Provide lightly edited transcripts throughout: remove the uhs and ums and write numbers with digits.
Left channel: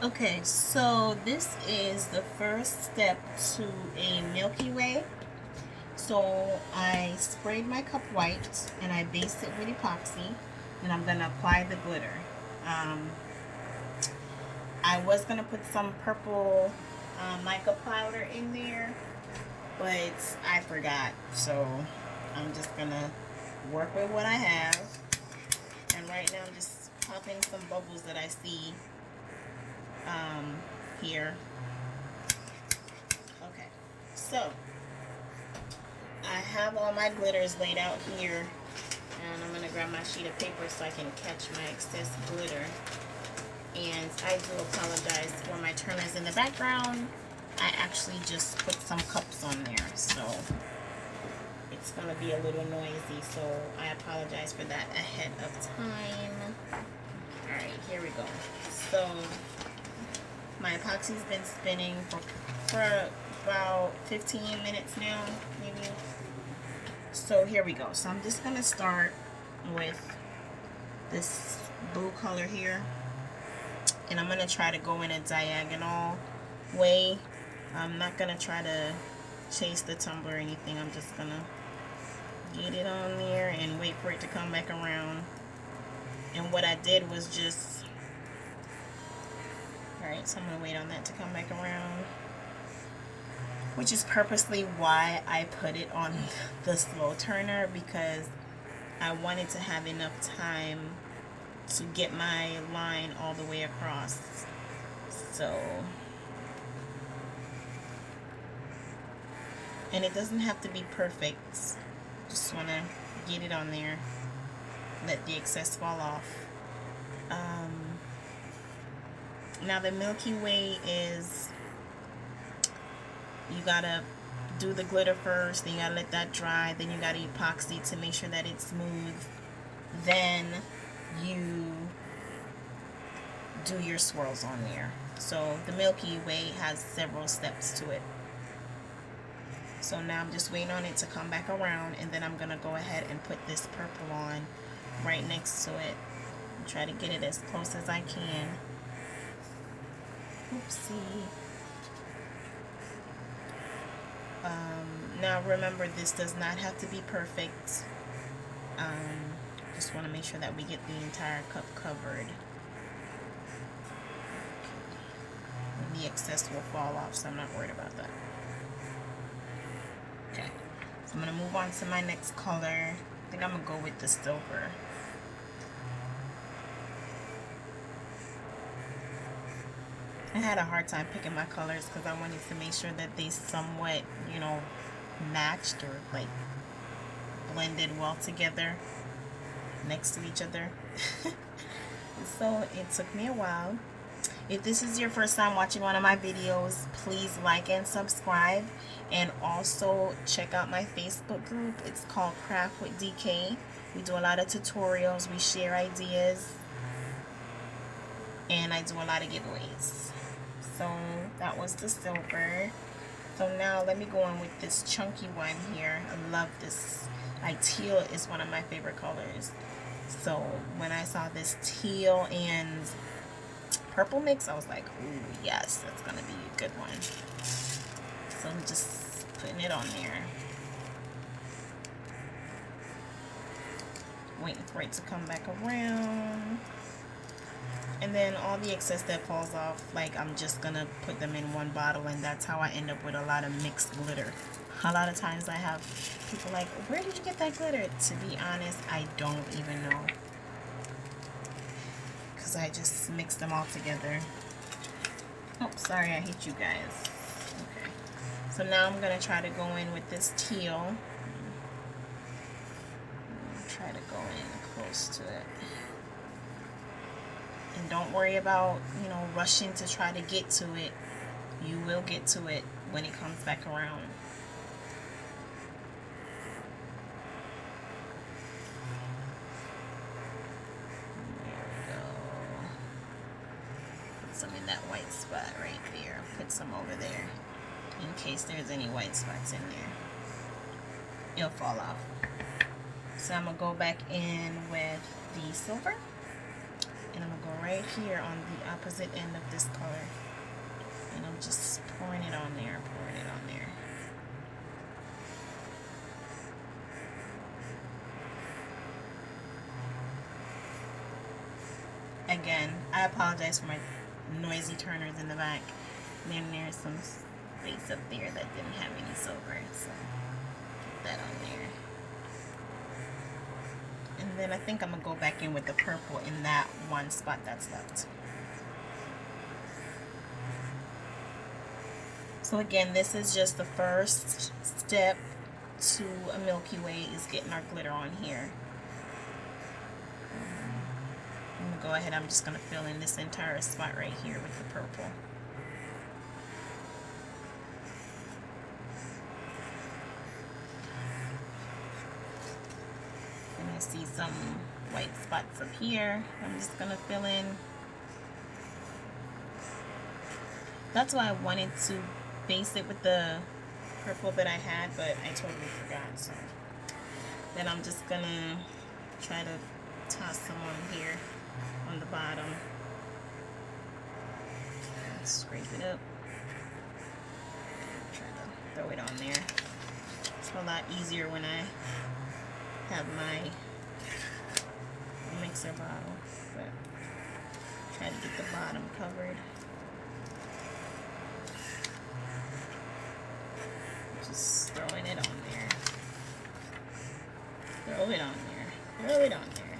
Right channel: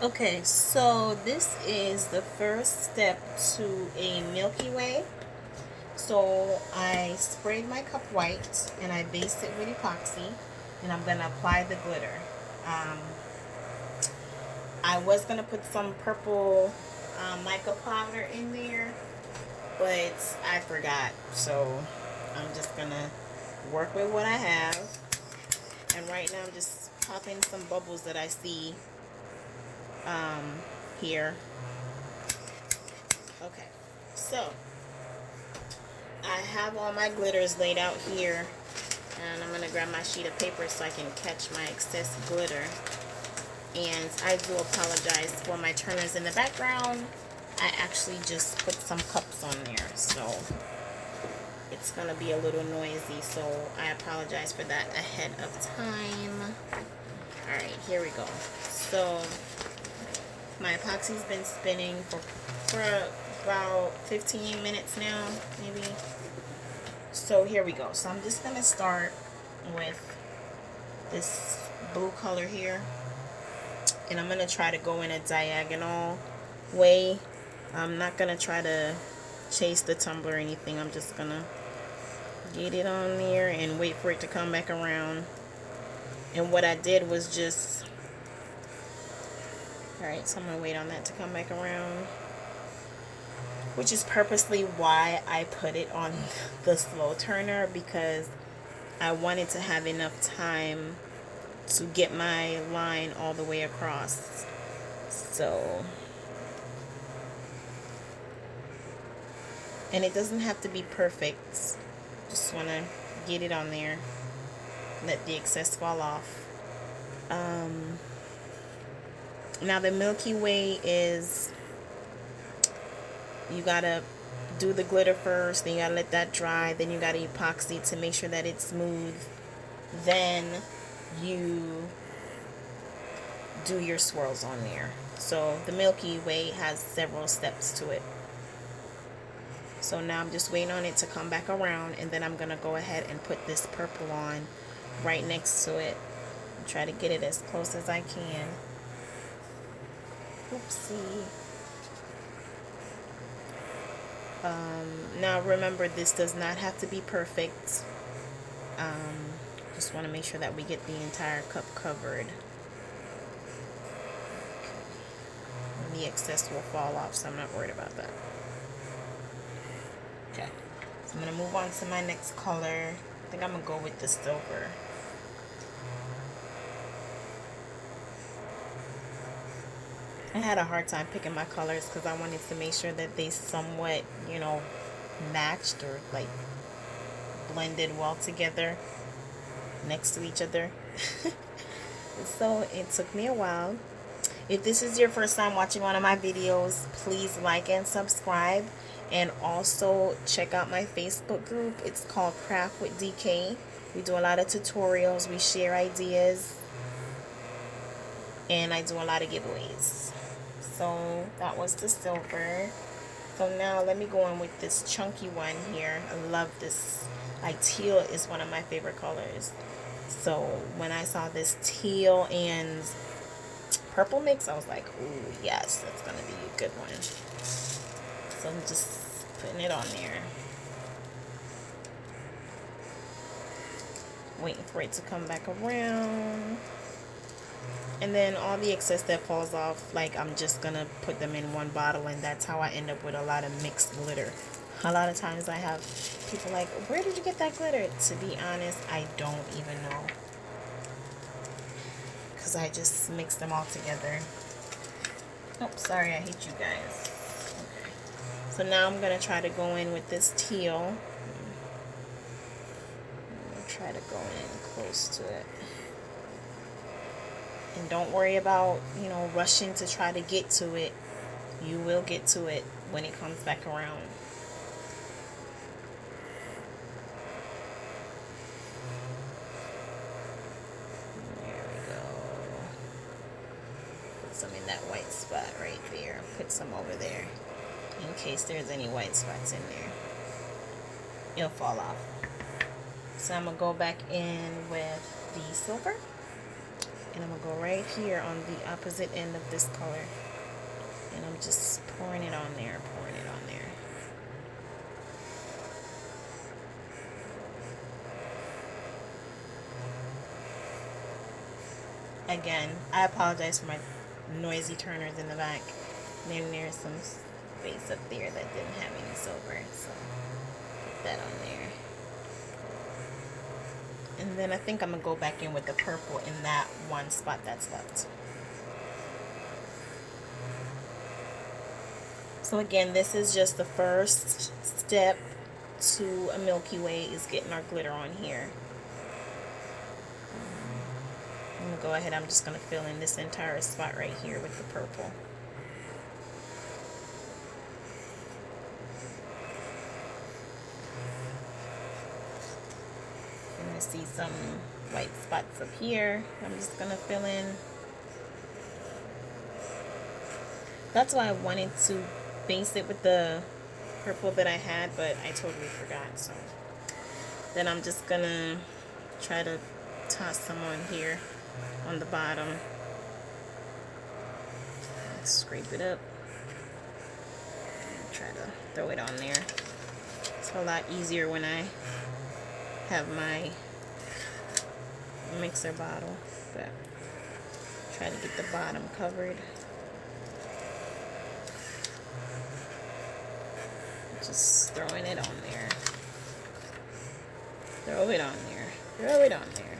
Okay, so this is the first step to a Milky Way. So I sprayed my cup white and I based it with epoxy, and I'm gonna apply the glitter. Um, I was gonna put some purple mica powder in there, but I forgot. So I'm just gonna work with what I have, and right now just pop in some bubbles that I see um, here. Okay, so I have all my glitters laid out here, and I'm gonna grab my sheet of paper so I can catch my excess glitter. And I do apologize for my turners in the background. I actually just put some cups on there, so it's gonna be a little noisy, so I apologize for that ahead of time. Alright, here we go. So my epoxy's been spinning for about 15 minutes now, maybe. So here we go. So I'm just gonna start with this blue color here, and I'm gonna try to go in a diagonal way. I'm not gonna try to chase the tumbler or anything. I'm just gonna get it on there and wait for it to come back around. And what I did was just, alright, so I'm gonna wait on that to come back around, which is purposely why I put it on the slow turner, because I wanted to have enough time to get my line all the way across. So, and it doesn't have to be perfect. Just want to get it on there, let the excess fall off. Now the Milky Way is, you gotta do the glitter first, then you gotta let that dry, then you gotta epoxy to make sure that it's smooth, then you do your swirls on there. So the Milky Way has several steps to it. So now I'm just waiting on it to come back around, and then I'm gonna go ahead and put this purple on right next to it. Try to get it as close as I can. Oopsie. Now remember, this does not have to be perfect. Just want to make sure that we get the entire cup covered. And the excess will fall off, so I'm not worried about that. Okay, so I'm going to move on to my next color. I think I'm going to go with the silver. I had a hard time picking my colors because I wanted to make sure that they somewhat, matched or like blended well together next to each other. So it took me a while. If this is your first time watching one of my videos, please like and subscribe, and also check out my Facebook group. It's called Craft with DK. We do a lot of tutorials, we share ideas, and I do a lot of giveaways. So that was the silver. So now let me go on with this chunky one here. I love this. Like, teal is one of my favorite colors. So when I saw this teal and purple mix, I was like, ooh, yes, that's gonna be a good one. So I'm just putting it on there, waiting for it to come back around. And then all the excess that falls off, like, I'm just gonna put them in one bottle, and that's how I end up with a lot of mixed glitter. A lot of times I have people like, where did you get that glitter? To be honest, I don't even know, because I just mix them all together. Oh, sorry, I hate you guys. Okay, so now I'm gonna try to go in with this teal. Try to go in close to it. And don't worry about, rushing to try to get to it. You will get to it when it comes back around. There we go. Put some in that white spot right there. Put some over there in case there's any white spots in there. It'll fall off. So I'm going to go back in with the silver. And I'm going to go right here on the opposite end of this color. And I'm just pouring it on there, pouring it on there. Again, I apologize for my noisy turners in the back. Then there's some space up there that didn't have any silver, so put that on there. And then I think I'm going to go back in with the purple in that one spot that's left. So again, this is just the first step to a Milky Way, is getting our glitter on here. I'm going to go ahead, I'm just going to fill in this entire spot right here with the purple. I'm going to see some white spots up here. I'm just going to fill in. That's why I wanted to base it with the purple that I had, but I totally forgot. So then I'm just going to try to toss some on here on the bottom. Scrape it up. Try to throw it on there. It's a lot easier when I have my mixer bottle, but try to get the bottom covered. Just throwing it on there. Throw it on there. Throw it on there.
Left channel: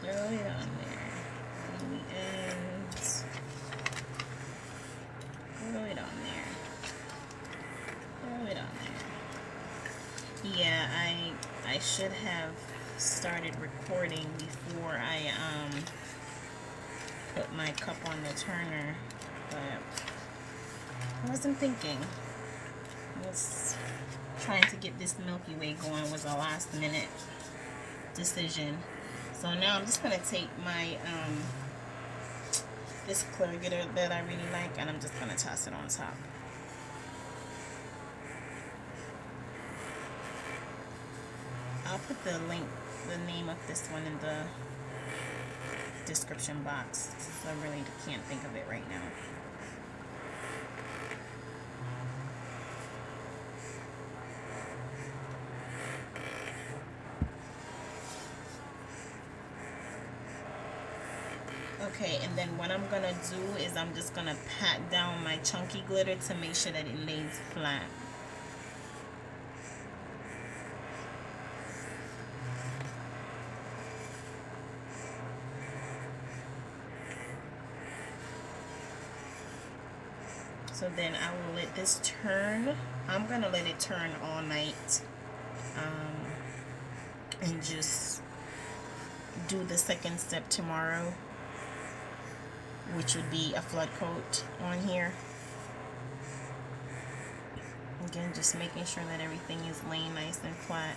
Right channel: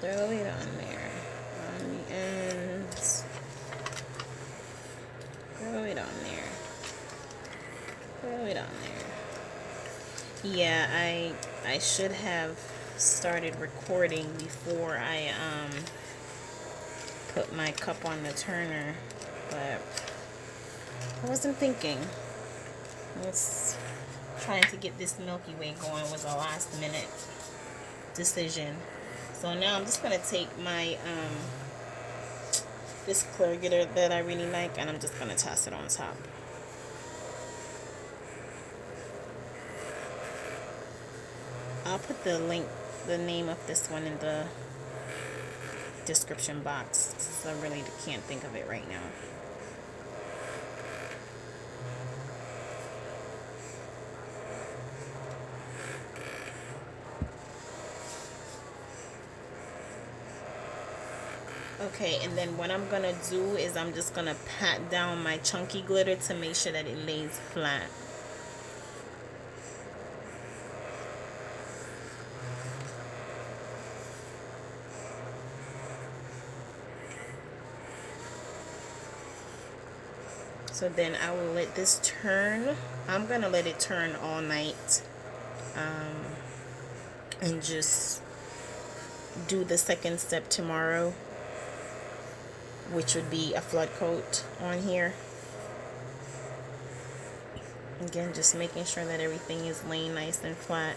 Throw it on there. On the ends. Throw it on there. Throw it on there. Yeah, I should have started recording before I put my cup on the turner, but I wasn't thinking. Trying to get this Milky Way going was a last minute decision. So now I'm just gonna take my this clear glitter that I really like, and I'm just gonna toss it on top. I'll put the link, the name of this one in the description box, because I really can't think of it right now. Okay, and then what I'm gonna do is I'm just gonna pat down my chunky glitter to make sure that it lays flat. So then I will let this turn. I'm gonna let it turn all night, and just do the second step tomorrow, which would be a flood coat on here. Again, just making sure that everything is laying nice and flat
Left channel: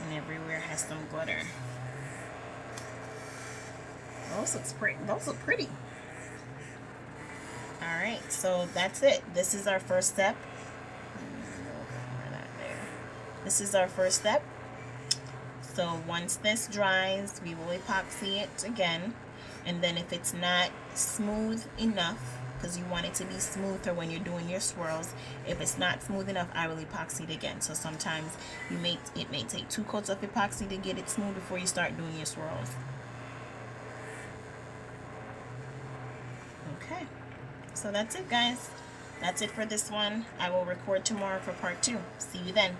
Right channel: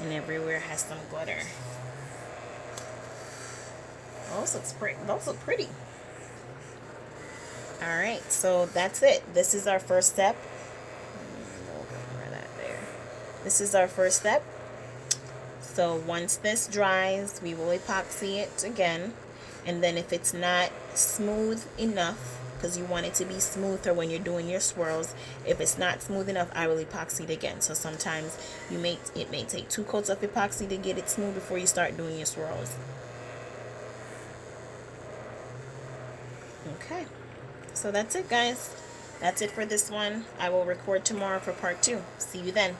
and everywhere has some glitter. Those look pretty. Alright, so that's it. This is our first step. This is our first step. So once this dries, we will epoxy it again. And then if it's not smooth enough, because you want it to be smoother when you're doing your swirls, if it's not smooth enough, I will epoxy it again. So sometimes it may take 2 coats of epoxy to get it smooth before you start doing your swirls. Okay, so that's it, guys. That's it for this one. I will record tomorrow for part 2. See you then.